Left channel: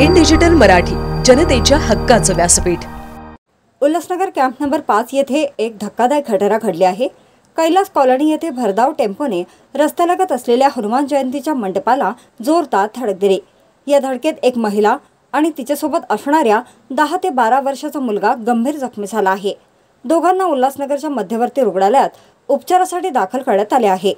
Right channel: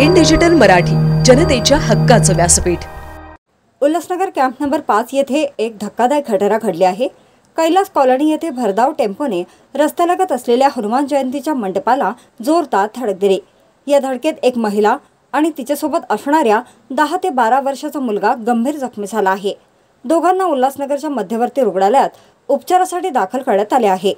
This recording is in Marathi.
इन डिजिटल मराठी, जनतेच्या हक्काचं व्यासपीठ। उल्हासनगर कॅम्प नंबर 5 येथे एक धक्कादायक घटना घडली आहे। कैलास कॉलनी येथे भरधाव टेम्पोने रस्त्यालगत असलेल्या हनुमान जयंतीच्या मंडपाला जोरदार धडक दिली। या धडकेत एक महिला आणि तिच्यासोबत असणाऱ्या 10 ते 12 वर्षाचा मुलगा गंभीर जखमी झाला आहे। दोघांना उल्हासनगरच्या मध्यवर्ती रुग्णालयात उपचारासाठी दाखल करण्यात आले आहे।